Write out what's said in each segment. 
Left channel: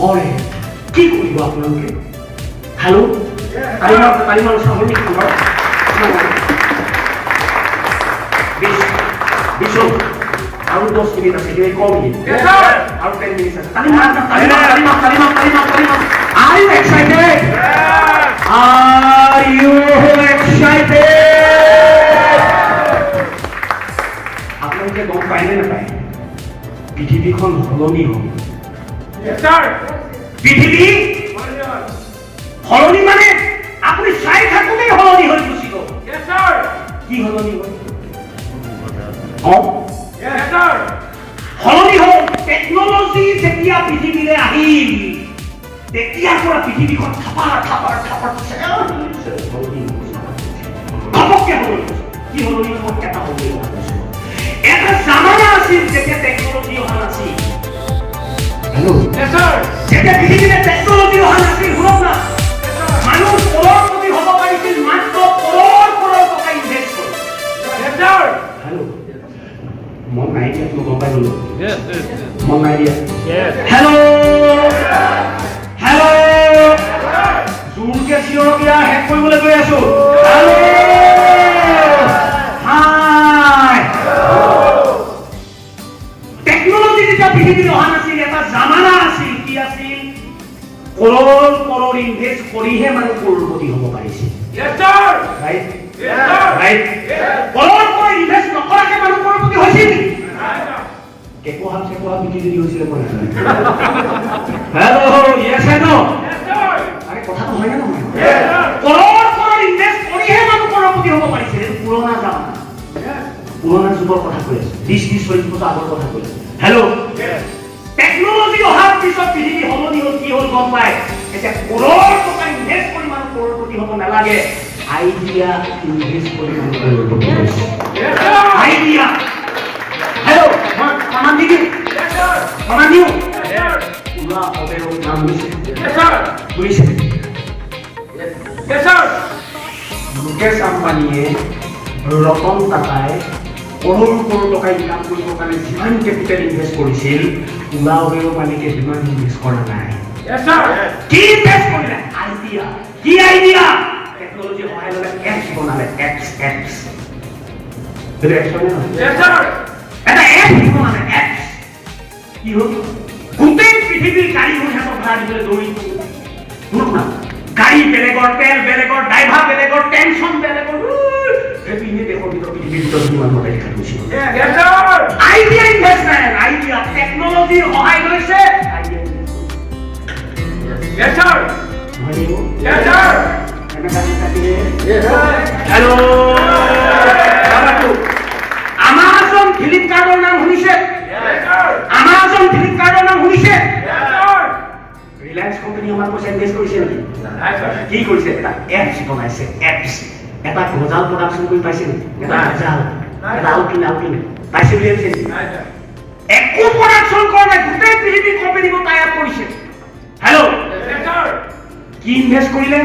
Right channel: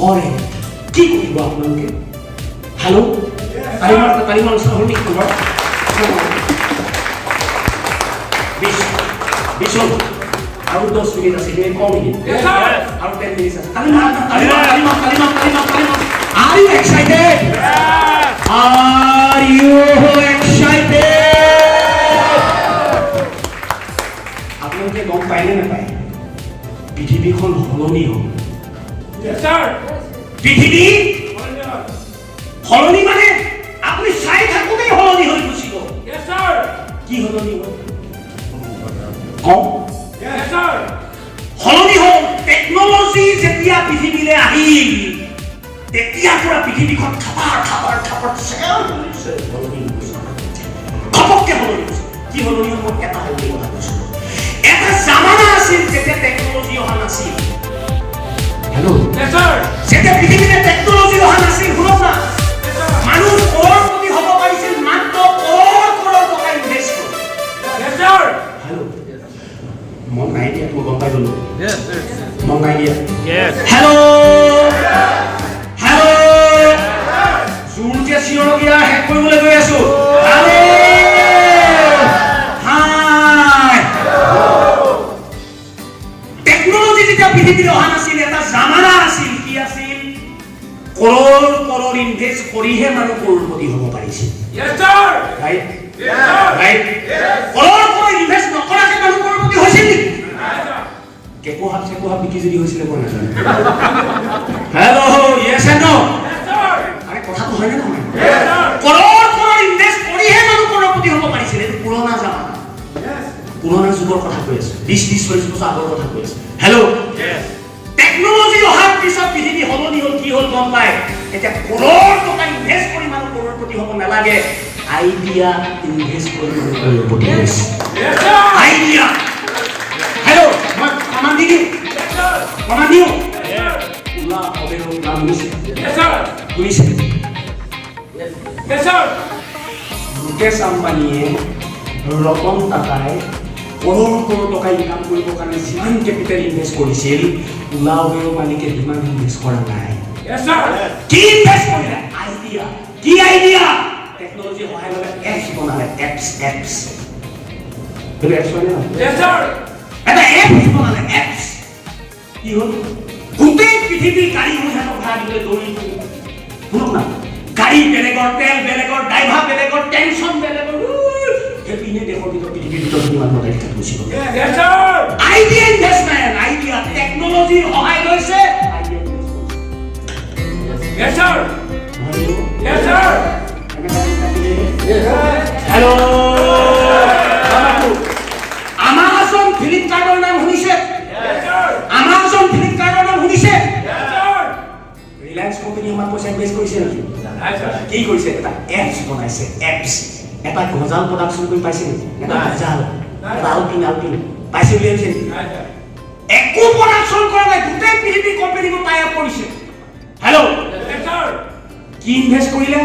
নকৰে কি কৰিব আপোনালোকে হেল্ল' তালিমাৰ চাহৰ নেকি খবৰ বিশু আৰু 10 মিনিট আছে কিবা কম মিনিট আৰু 10 মিনিট আছে Talima Are you excited? Are you excited? আপোনালোকে গম পায় নে নাপায় পৃথিৱীখন সলনি হ'ল পৃথিৱী সলনি মানে আপুনি চাই থাকোঁতেই সলনি হৈ গুচি গ'ল কি সলনি হ'ল সলনি হ'ল টেকনলজি যেতিয়া পৃথিৱীলৈ আহিল তেতিয়াৰ পৰা পৃথিৱীখন খাপাৰ ঘপককৈ সলনি হৈছে কি সলনি হ'ব এটা সলনি কথা কৈছোঁ এটা জামানা আছিল যেতিয়া টেকনলজি অহা নাছিল হেল্ল' যেতিয়া পৃথিৱীলৈ টেকনলজি অহা নাছিল শুনক না মানুহ কৰৰপতি হ'ব পাৰিছিল মাত্ৰ কৰৰ টকা ইনভেষ্ট কৰি হেল্ল' মই নাই দিয়া মই গম পাই গ'লো মই নাই দিয়া হেল্ল' জোৰকে চিঞৰগীয়া শেষ কৰিবলৈ গৈ আছো টেকনলজি যেতিয়া পৃথিৱীলৈ অহা নাছিল এটা জামানা আছিল কি আছিল কৰৰ ইনভেষ্ট কৰিহে মানুহ কৰৰপতি হ'ব পাৰিছিল কৰৰ ইনভেষ্ট নকৰাকে মানুহ কৰৰপতি হৈছিল নেকি কেকোহা বিকি যদি হৈছিলে মই নাজানো হেল্ল' ইয়েছ এণ্ড নো আৰে কথাটো হয়নে নহয় কৰৰ ইনভেষ্ট কৰিহে মানুহ কৰৰপতি হ'ব পাৰিছিল এইটো পুৰণা জামানা পুৰণা যুগৰ কথা কৈ আছো 20-40 বছৰ আগৰ কথা কৈ আছো হেল্ল' টেকনলজি অহাৰ পিছত পৃথিৱী সলনি হ'ল কি হ'ল গম পায় এতিয়া কৰৰ টকা ইনভেষ্ট কৰি মানুহ কৰৰপতি হ'ব নালাগে আইডিয়া ইনভেষ্ট কৰি মানুহ কৰৰপতি হৈছে আইডিয়া হেল্ল' মই কমান দিওঁ উলা অবেৰ নাম শুনিছে মুকেশ আম্বানীয়ে ৰতন টাটাই কৰৰ টকা ইনকাম কৰিবৰ কাৰণে যিমান কেপিটেল ইনভেষ্ট কৰিছিল উলা অবেৰ মালিকে সিমান ইনভেষ্ট কৰা নাই কি ইনভেষ্ট কৰিলে আইডিয়া কি আইডিয়া টেকনলজি সহায় ল'লে এপছ বনালে এপছ বেলেগ এপছ বনালে এটা এপছ বনালে এপছ কি হ'ল গোটেই পৃথিৱীৰ গাড়ীখন সিহঁতক ভাড়া দিবলৈ দৌৰি শুনক না গাড়ী বেলেগৰ তেল বেলেগৰ ড্ৰাইভাৰ বেলেগৰ টেনশ্যন বেলেগৰ এইপিনে দেশৰ ভিতৰত পৃথিৱীৰ ভিতৰত কিমান মতাই দেখা গুচি গ'ল আইডিয়া ইনভেষ্টমেণ্ট আইডিয়া টেকনলজিৰ সহায় লৈছে আইডিয়া হেল্ল' আমাজন ফ্লিপকাৰ্টৰ নাম শুনিছে ৰিলায়েন্স কোম্পানী আমাৰ পইচা ইনভেষ্ট কৰিছে নেকি কি কৰিছে এটা এপছ বনাইছে এপছ এটা গজাল প্ৰডাকশ্যন কৰি পাইছে নেকি এটা গজাল এটা আলপিন পাইছে বুলি ভাবিছে নেকি একো প্ৰডাকশ্যন কৰা নাই গোটেই পৃথিৱীৰ কোম্পানীবোৰ টাই আপ কৰিছে হেল্ল' কি ইনভেষ্ট কৰিলে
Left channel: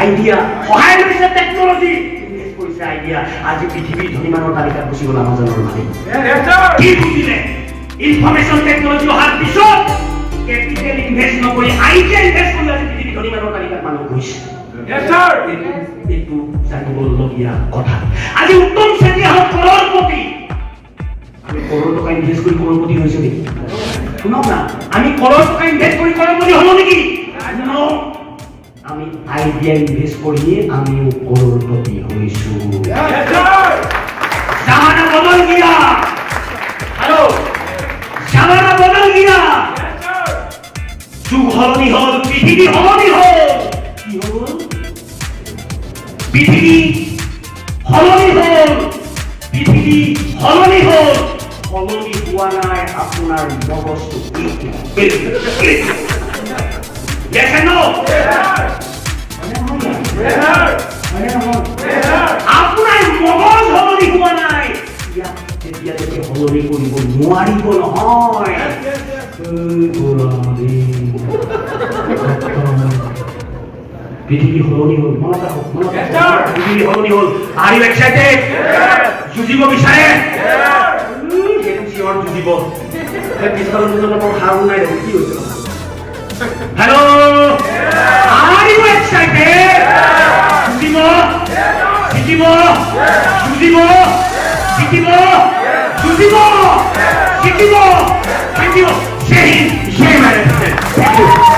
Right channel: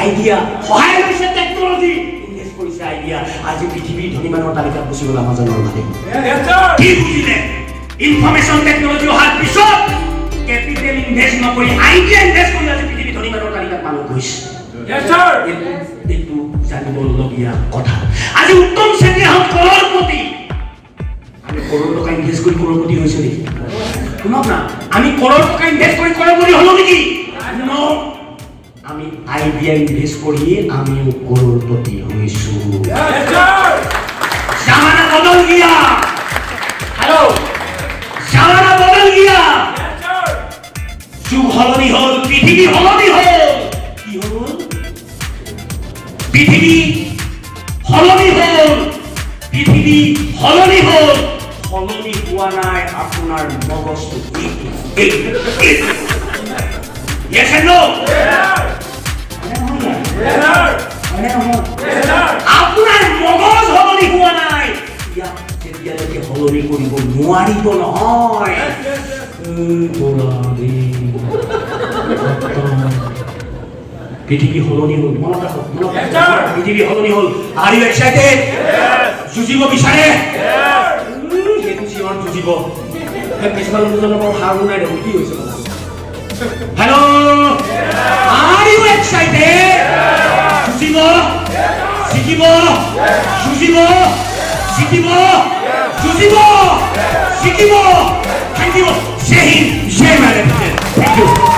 আইডিয়া সহায় লৈছে টেকনলজি ইনভেষ্ট কৰিছে আইডিয়া আজি পৃথিৱীৰ ধনী মানুহৰ তালিকাত গুচি গ'ল আমাজনৰ মালিক কি বুজিলে ইনফৰমেশ্যন টেকনলজি অহাৰ পিছত কেপিটেল ইনভেষ্ট নকৰি আইডিয়া ইনভেষ্ট কৰি আজি পৃথিৱীৰ ধনী মানুহৰ তালিকাত মানুহ গৈছে এইটো জানিবলগীয়া কথা আজি উত্তম চেতিয়া হওক কৰৰপতি আমি কৰৰ টকা ইনভেষ্ট কৰি কৰৰপতি হৈছো নেকি শুনক না আমি কৰৰ টকা ইনভেষ্ট কৰি কৰৰপতি হলো নেকি আমি আইডিয়া ইনভেষ্ট কৰি আমিও কৰৰপতি হৈছো জামানা বদল গিয়া হেল্ল' জামানা বদল গিয়া যুগ সলনি হ'ল পৃথিৱী সলনি হ'ল কি হ'ল পৃথিৱী সলনি হ'ল সলনি হোৱা নাই আপোনাৰ মগজটো yes and no আপোনাৰ মগজ সলনি হোৱা নাই তেতিয়ালৈকে সলনি কৰিব নোৱাৰিব নহয় পৃথিৱী সলনি হ'ল মনত ৰাখক পৃথিৱী সলনি হ'ল Are you excited? যুঁজিব বিচাৰে সেইটো জীৱন যুঁজিব পিছফালৰ দুজনৰ পৰা সাৰ নাই দেখোন কি হৈছে hello' Are you excited? Sujibo? Sikibo? Sujibo? Sikibo? Sujibo? Sikibo? Thank you. Say him. Say my Thank you.